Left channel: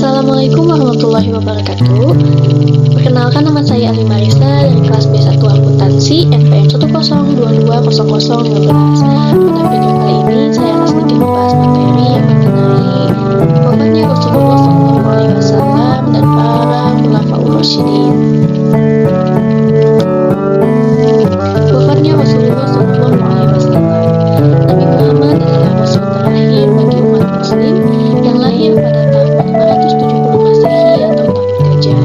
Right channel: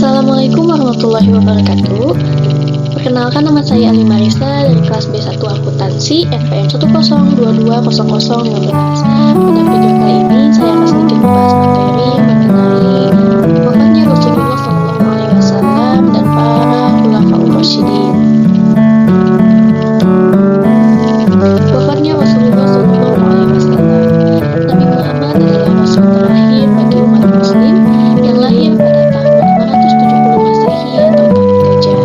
Assalamualaikum warahmatullahi wabarakatuh. Perkenalkan, nama saya Ali Marisa dari kelas B1 Akuntansi NPM 1022015. Pada video kali ini saya akan sedikit membahas materi mengenai wafatnya Rasulullah SAW dan para khulafaur rasyidin. Wafatnya Rasulullah SAW. Nabi Muhammad adalah Rasul terakhir bagi umat Muslim yang lahir pada tahun 570 Masehi atau tahun gajah.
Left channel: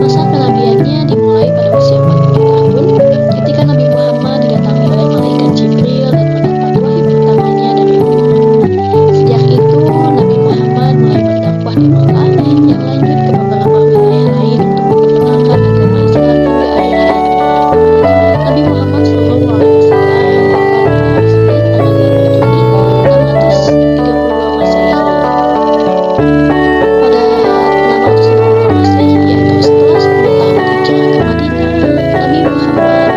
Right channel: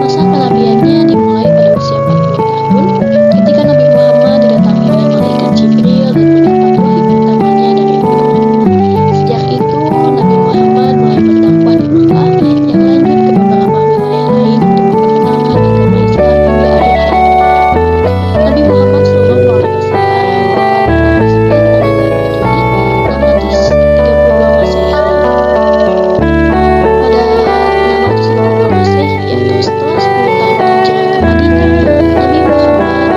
Masa kenabiannya dimulai pada usia 40 tahun ketika Nabi Muhammad didatangi oleh malaikat Jibril dan mendapat wahyu pertamanya dari Allah. Sejak itu, Nabi Muhammad mulai berdakwah di Makkah yang lanjut ke beberapa wilayah lain untuk memperkenalkan agama Islam hingga akhir hayatnya. Nabi Muhammad SAW wafat pada Mesir tanggal 8 Juni 632 Masehi. Pada 632 Masehi atau setelah 10 tahun hijrah ke Madinah, Nabi Muhammad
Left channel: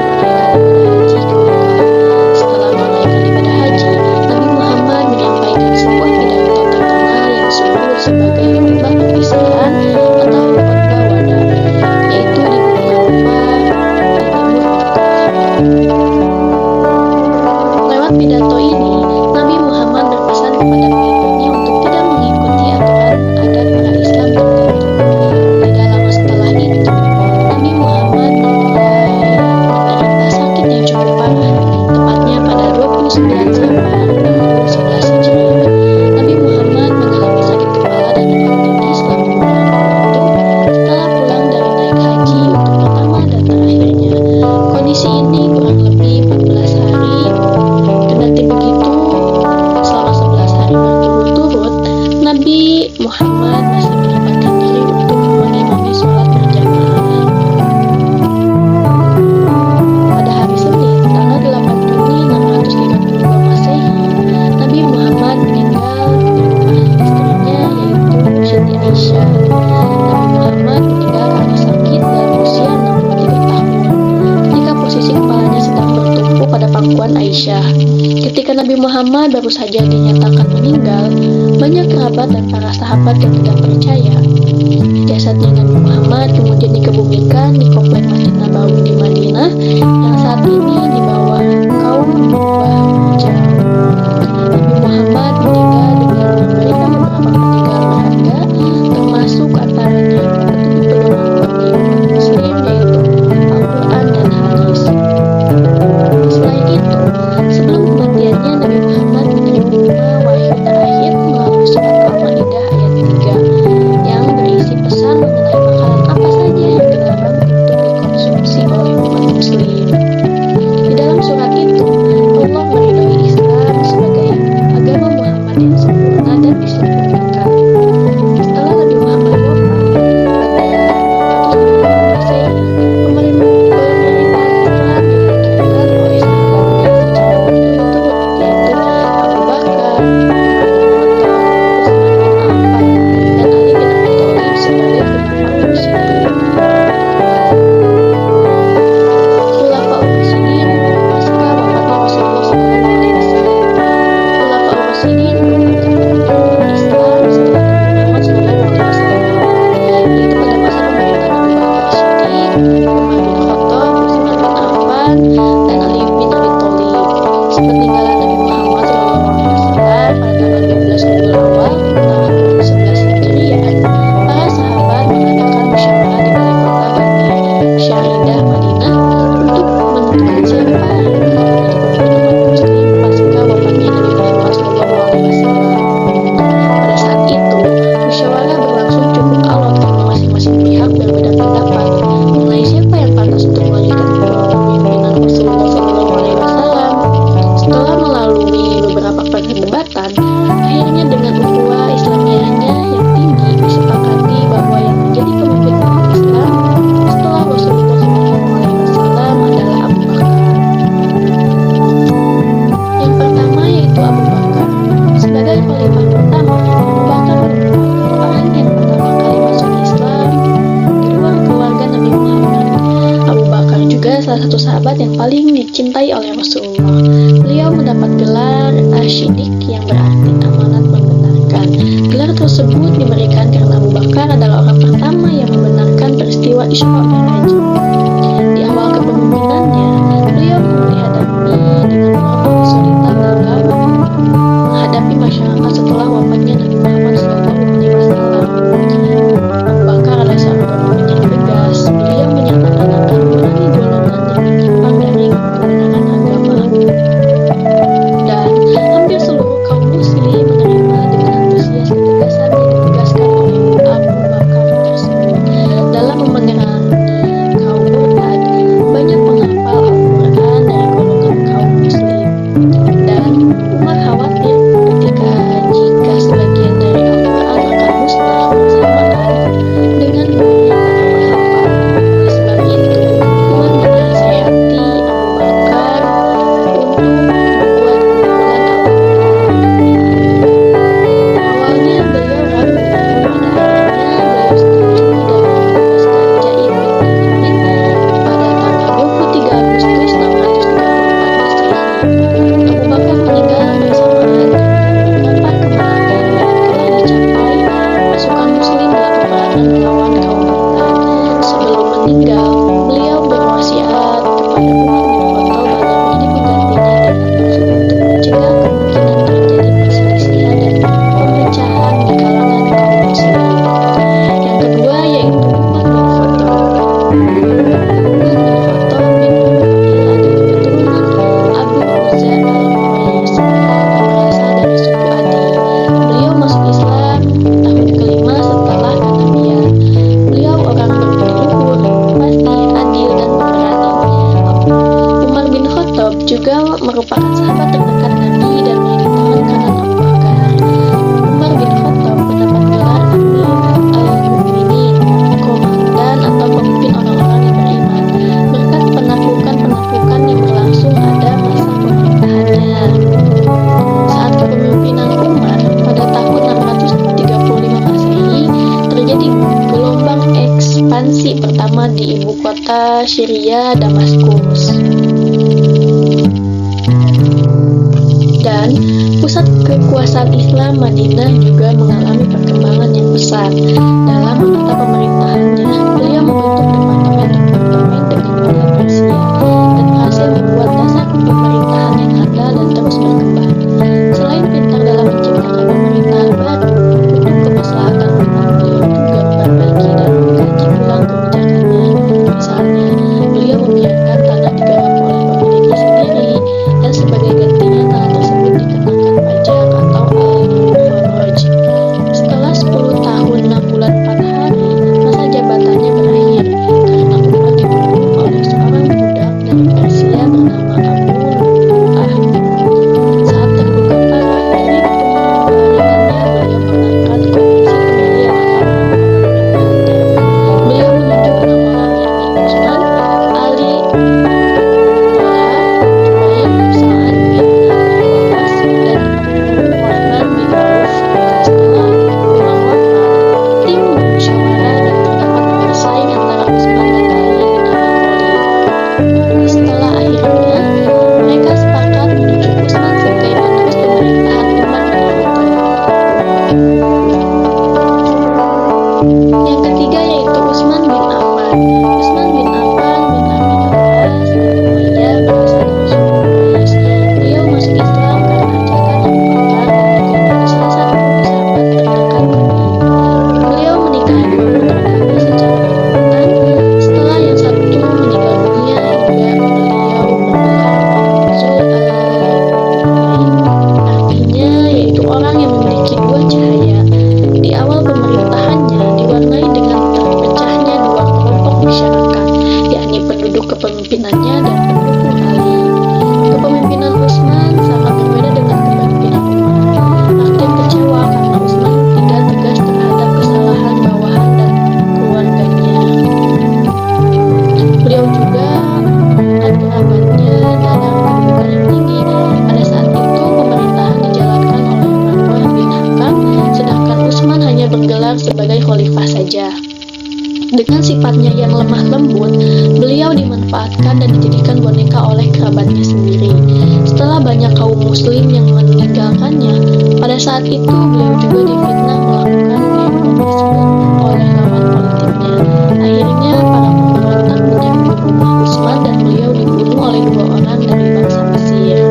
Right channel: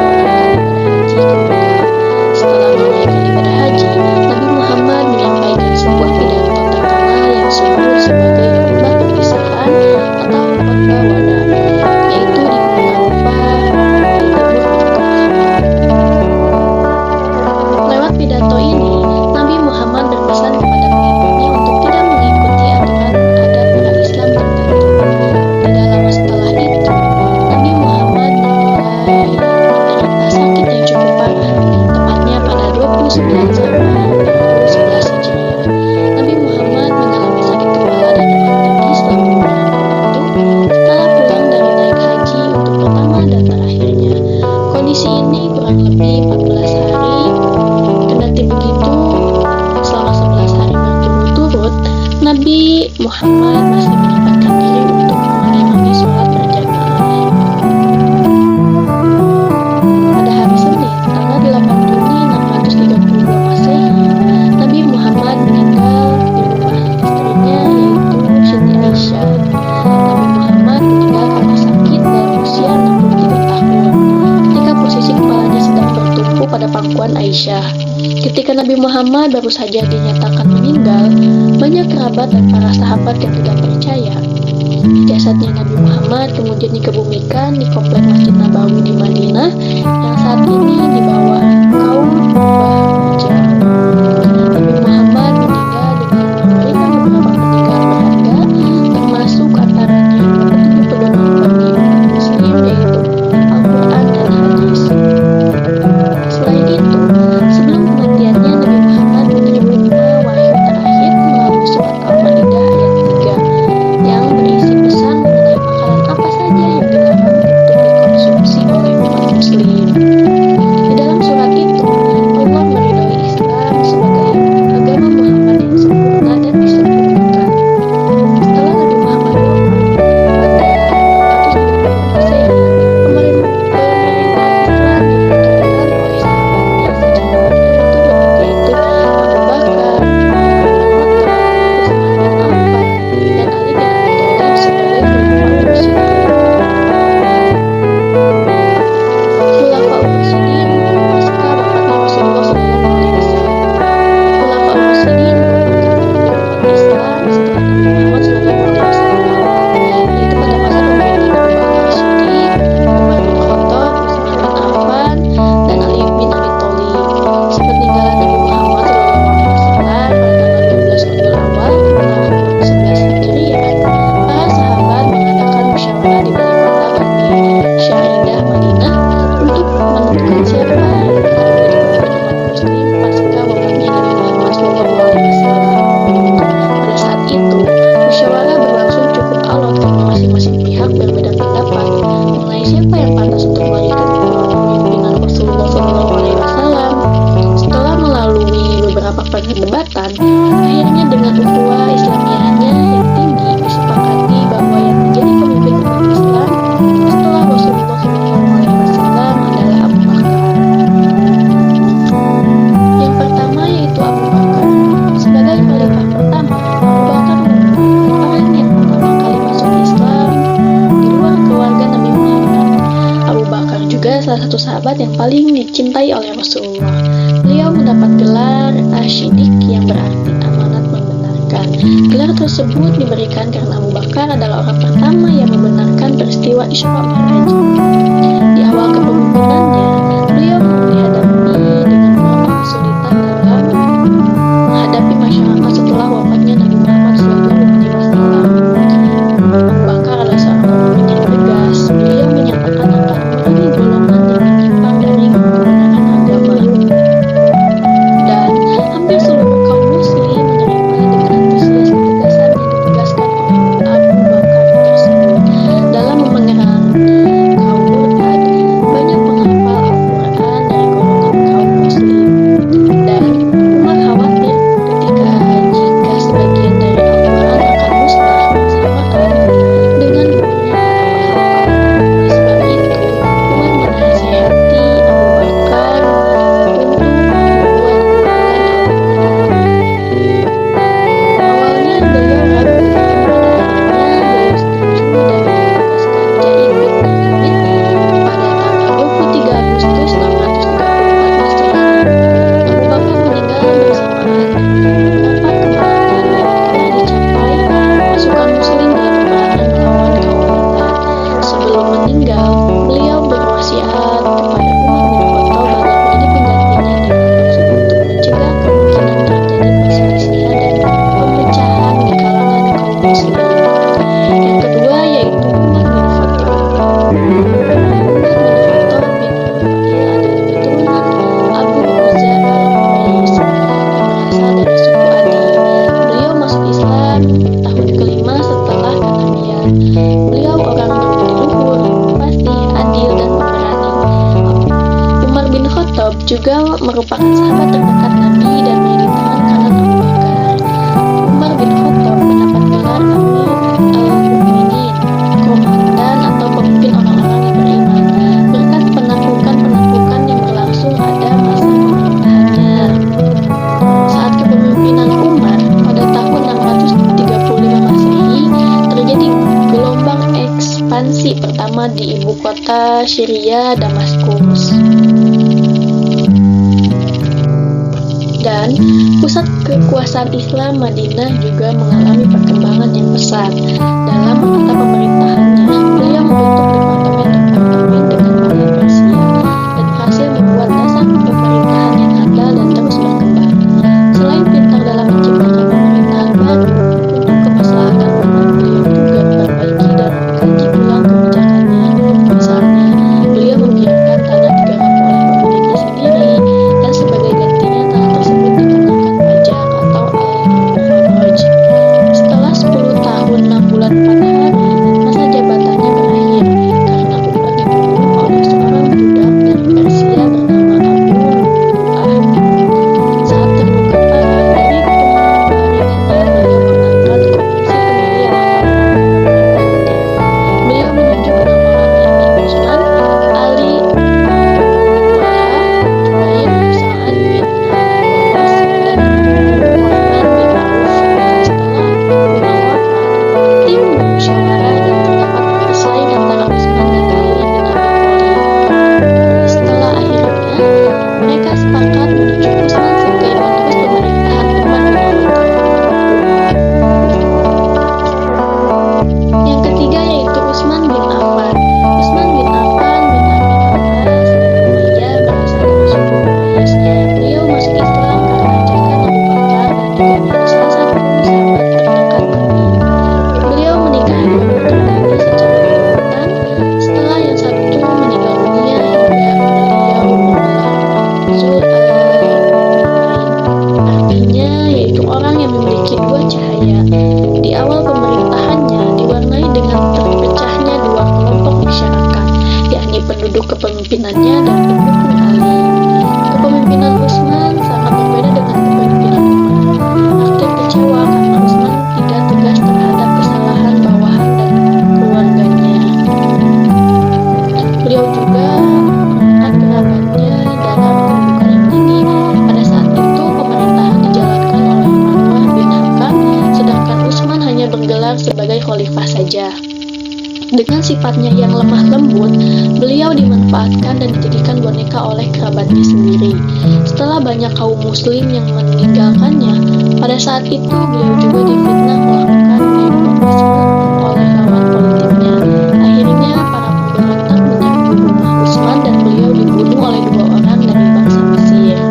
menunaikan ibadah haji. Nabi Muhammad menyampaikan sebuah pidato terkenal yang disebut sebagai khutbah perpisahan atau khutbah wada, yaitu di Gunung Arafah di timur Makkah. Lewat pidato ini, Nabi Muhammad berpesan kepada pengikutnya untuk tidak mengikuti aturan adat pra-Islam tertentu. Tidak lama setelah itu, Nabi Muhammad mulai menderita sakit yang cukup parah, tepatnya pada 29 Safar tahun 11 Hijriah. Nabi Muhammad mengalami sakit kepala dan demam tinggi selama beberapa waktu setelah pulang dari naik haji untuk pertama dan terakhirnya. Kondisi ini kurang lebih 14 hari. Kendati begitu, selama 11 hari berturut-turut, Nabi Muhammad masih menyempatkan diri untuk mengimami sholat berjamaah. Pada hari Senin, tanggal 8 Juni 632 Masehi, Nabi Muhammad meninggal di rumah istrinya, yaitu Siti Aisyah. Nabi Muhammad meninggal karena sakit dalam usia 63 tahun, ketika posisi kepalanya sedang bertumpu pada pangkuan Aisyah. Ketika Nabi Muhammad baru saja dinyatakan meninggal, banyak kerabat dan para sahabat yang tidak percaya. Jasadnya Nabi Muhammad kemudian dikebumikan di komplek Masjid Nabawi di Madinah yang saat ini di bawah kaum Kubah hijau. Nabi Muhammad meninggal dengan memberikan beberapa peninggalan berharga, termasuk antaranya dua petunjuk pedoman bagi umat Muslim, yaitu Al-Quran dan hadis. Selain itu, sebelum kematiannya, Nabi Muhammad menerima wahyu terakhir melalui surat Al-Maidah ayat 3 yang berisi pesan mengenai makanan apa saja yang dilarang untuk dikonsumsi oleh umat Muslim. Di dalam surat itu, Allah meridhoi Islam sebagai agama Muhammad yang sempurna dan disempurnakan. Setelah Nabi Muhammad wafat pada 632 Masehi, pemerintahan Islam dilanjutkan oleh sahabatnya secara berturut-turut, yaitu Abu Bakar, Umar bin Khattab, Utsman bin Affan, dan Ali bin Abi Thalib sebagai khulafaur rasyidin. Khulafaur rasyidin pasca wafatnya Rasulullah SAW. Khulafaur rasyidin merupakan pemimpin umat Islam setelah Nabi Muhammad SAW wafat, yaitu pada masa pemerintahan Abu Bakar Siddiq, Umar bin Khattab, Utsman bin Affan, dan Ali bin Abi Thalib. Sepeninggalan Nabi Muhammad SAW pada tanggal 12 Rabiul Awal tahun 11 Hijriah, para sahabat mengadakan musyawarah di balai kota Bani Syaidah Madinah untuk menentukan siapa yang akan menjadi pemimpin umat Muslim pasca wafatnya Nabi Muhammad SAW. Pada saat itu, musyawarah berlangsung cukup alot karena masing-masing pihak berbeda pendapat mengenai siapa yang pantas untuk melanjutkan kepemimpinan Rasulullah SAW. Setelah melalui beberapa perdebatan, akhirnya dengan ukhuwah Islamiyahnya yang tinggi disepakati bahwa yang menjadi pemimpin umat Islam setelah Rasulullah SAW adalah Abu Bakar. Yang pertama yaitu Abu Bakar. Sebagai khalifah pertama, Abu Bakar merupakan orang yang pertama kali masuk Islam di luar keluarga Nabi Muhammad. Abu Bakar juga salah satu sahabat yang paling dicintai oleh Rasulullah. Beliau mendapat gelar Asy-Siddiq yang berarti amanat membenarkan. pemerintahan. Gelar tersebut diberikan karena Abu Bakar adalah orang pertama yang membenarkan peristiwa Isra Mi'raj. Di awal kepemimpinannya, beliau dihadapi dengan beberapa kesulitan dalam menghadapi masyarakat setelah wafatnya Nabi Muhammad SAW. Abu Bakar adalah seorang pemimpin yang tegas. Beliau menyatakan akan memerangi golongan yang menyimpang dari kebenaran agama. Dan hampir seluruh kaum muslim menerima dengan antusias ketegasan yang ditegaskan oleh Abu Bakar tersebut. Dalam memerangi kaum murtad, banyak penghafal Al-Quran dari golongan kaum muslim. Dan Umar khawatir jika sebagian dari Al-Quran akan musnah bersamaan dengan gugurnya para penghafal. Oleh sebab itu, Umar menasihati Abu Bakar untuk membuat kumpulan Al-Quran. Awalnya beliau ragu, namun pada akhirnya beliau setuju dan menugaskan Zaid bin Thabit pada tanggal 23 Agustus 634 Masehi. Abu Bakar meninggal bersamaan dengan beberapa kemenangan yang telah dicapai pasukan muslim dalam peperangan melawan kaum murtad. Sebelum meninggal, beliau berwasiat kepada Umar bin Khattab agar menjadi penggantinya dengan maksud untuk mencegah kemungkinan terjadi perselisihan dan pemecahan di kalangan kaum muslim. Yang kedua yaitu Umar bin Khattab. Umar bin Khattab bin Nufail adalah keturunan Abu Uzza al-Quraisy yang berasal dari suku Adi. Beliau masuk Islam tahun kelima setelah kenabian. Beliau orang berbudi luhur, fasih, adil, dan pemberani. Umar bin Khattab juga merupakan sahabat terdekat Nabi dan menjadi tangan kanan Abu Bakar. Umar bin Khattab mendapat gelar Amir al-Mu'minin, komandan atau pemimpin orang-orang yang beriman, berkat penaklukan-penaklukan yang berlangsung pada masa pemerintahannya. Saat kepemimpinan Umar pada tahun 635 Masehi, terjadi gelombang ekspansi pertama di ibu kota Syria, Damaskus. Dan pusat kekuasaan Islam Madinah juga mengalami perkembangan yang pesat. Dalam menata pemerintahannya, beliau membentuk departemen-departemen dengan model Persia dan berhasil membuat dasar pemerintahan yang handal dan terus berkembang. Selain pintar dalam menciptakan pemerintahan baru untuk kemaslahatan umat, beliau juga memperbaiki dan mengkaji ulang kebijakannya. Misalnya, beliau membiarkan tanah digarap oleh pemiliknya sendiri dan sebagai gantinya tanah tersebut dikenakan pajak atau al-kharaj. Setelah 10 tahun 6 bulan 4 hari, masa jabatannya berakhir karena Umar dibunuh oleh seorang budak dari Persia bernama Abu Lu'lu'ah. Saat terluka parah dari pembaringannya, beliau mengangkat komisi pemilihan atau pemerintahannya. Beliau menunjuk 6 orang, yakni Utsman, Ali, Tolha, Jubair, Sa'ad bin Abi Waqqas, dan Abdurrahman bin Auf. Setelah Umar wafat, tim bermusyawarah dan terdapat persaing antara Utsman dan Ali bin Abi Thalib. Setelah akhirnya, mereka sepakat menunjuk Utsman sebagai penerus pemerintahan Umar bin Khattab. Yang ketiga yaitu Utsman bin Affan. Utsman bin Affan bin Abi Abbas bin Umayyah berasal dari suku Quraisy. Beliau masuk Islam karena ajakan Abu Bakar dan juga menjadi salah satu sahabat terdekat Nabi. Beliau menikahi 2 putri Nabi secara berurutan setelah yang satu meninggal dunia hingga beliau bergelar Zul al-Nurain, artinya yaitu orang yang memiliki 2 cahaya. Di awal pemerintahannya diwarnai dengan terpecahnya 2 kelompok masyarakat, yakni penduduk kepemimpinannya dan pendukung Ali. Kepemimpinan Utsman sangat berbeda dengan kepemimpinan Umar. Rakyat kecewa karena Utsman tidak tegas terhadap kesalahan bawahan dan keluarganya. Beliau juga mengangkat kerabatnya dalam kedudukan yang tinggi. Pada saat itu pemerintahan dijalankan oleh Marwah bin Hakam, sedangkan Utsman hanya bergelar sebagai khalifah saja. Dengan sifatnya yang lemah lembut, beliau dimanfaatkan dan dijadikan boneka oleh kerabatnya sendiri. setelah banyak kaum muslim yang meninggalkannya, pada saat itu beliau juga difitnah melakukan nepotisme oleh lawan politiknya. Akhirnya para pemberontak menyerbu rumah Utsman dan beliau dibunuh oleh 2 orang dari bangsa Mesir.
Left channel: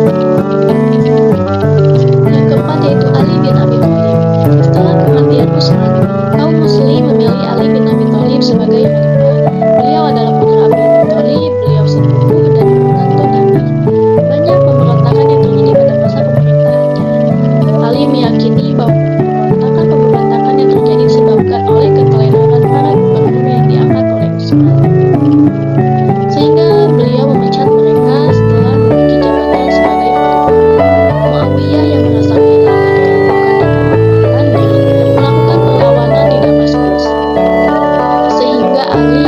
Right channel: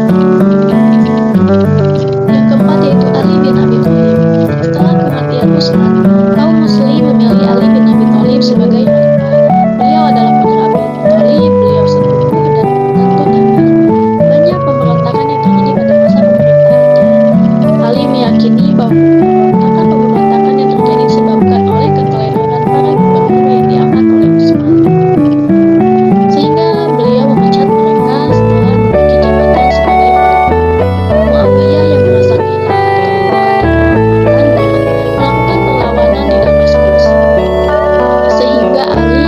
Yang keempat yaitu Ali bin Abi Thalib. Setelah kematian Utsman, kaum muslim memilih Ali bin Abi Thalib sebagai khalifah. Beliau adalah putra Abi Thalib, beliau sepupu dan menantu Nabi. Banyak pemberontakan yang terjadi pada masa pemerintahannya. Ali meyakini bahwa pemberontakan yang terjadi disebabkan oleh keteledoran para gubernur yang diangkat oleh Utsman, sehingga beliau memecat mereka setelah memiliki jabatan sebagai khalifah. Muawiyah yang merasa kehilangan kedudukan dan kehormatannya melakukan perlawanan di Damaskus, sehingga Ali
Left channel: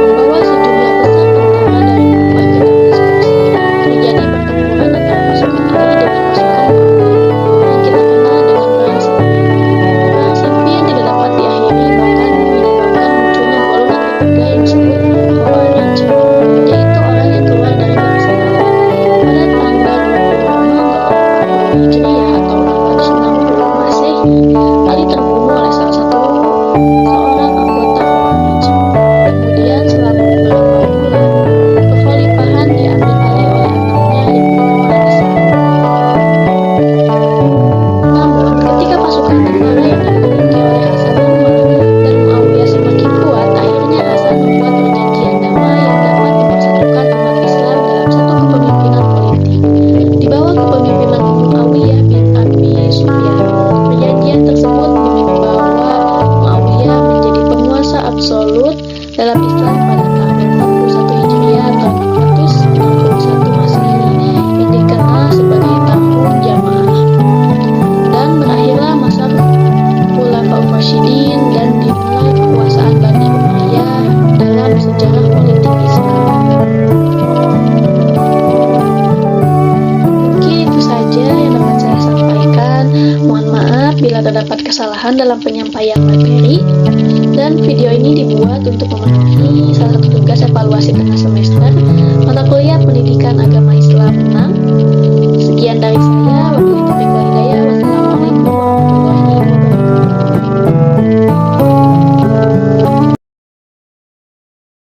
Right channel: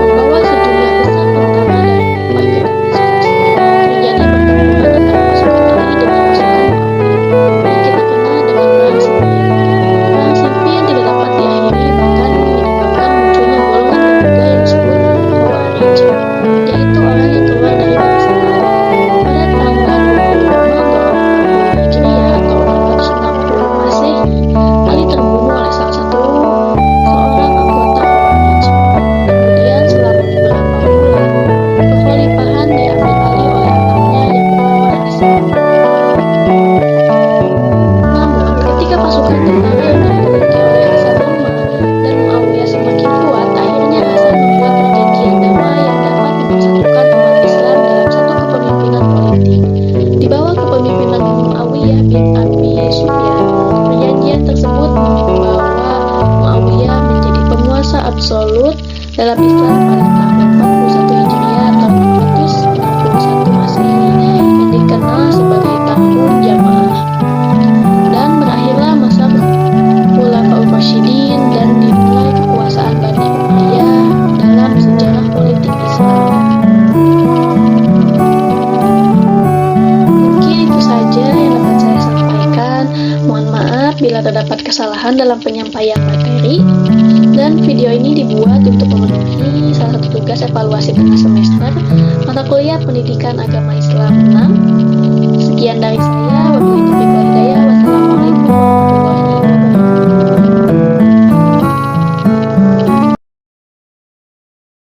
membawa sejumlah besar tentara dari Kufah ke Damaskus. Terjadi pertempuran antara pasukan Ali dengan pasukan Muawiyah yang kita kenal dengan Perang Siffin. Perang Siffin tidak dapat diakhiri, bahkan menyebabkan munculnya golongan ketiga yang disebut Khawarij, yaitu orang yang keluar dari barisan Ali. Pada tanggal 20 Ramadan 40 Hijriah atau 660 Masehi, Ali terbunuh oleh salah satu seorang anggota Khawarij. Kemudian selama beberapa bulan, kekhalifahan diambil alih oleh anaknya yang bernama Hasan. Namun, ketika pasukan tentara yang dimiliki oleh Hasan lemah dan Muawiyah semakin kuat, akhirnya Hasan membuat perjanjian damai yang dapat mempersatukan umat Islam dalam satu kepemimpinan politik. Di bawah kepemimpinan Muawiyah bin Abi Sufyan, perjanjian tersebut membawa Muawiyah menjadi penguasa absolut dalam Islam pada tahun 41 Hijriah atau 461 Masehi yang dikenal sebagai tahun Jamaah. Dan berakhirlah masa Khulafaur Rasyidin dan dimulai kekuasaan Bani Umayyah dalam sejarah politik Islam. Mungkin itu saja yang dapat saya sampaikan. Mohon maaf bila terdapat kesalahan dalam penyampaian materi. Dan video ini dibuat untuk memenuhi salah satu tugas evaluasi tengah semester mata kuliah Pendidikan Agama Islam 6. Sekian dari saya. Wabillahi taufiq wal hidayah.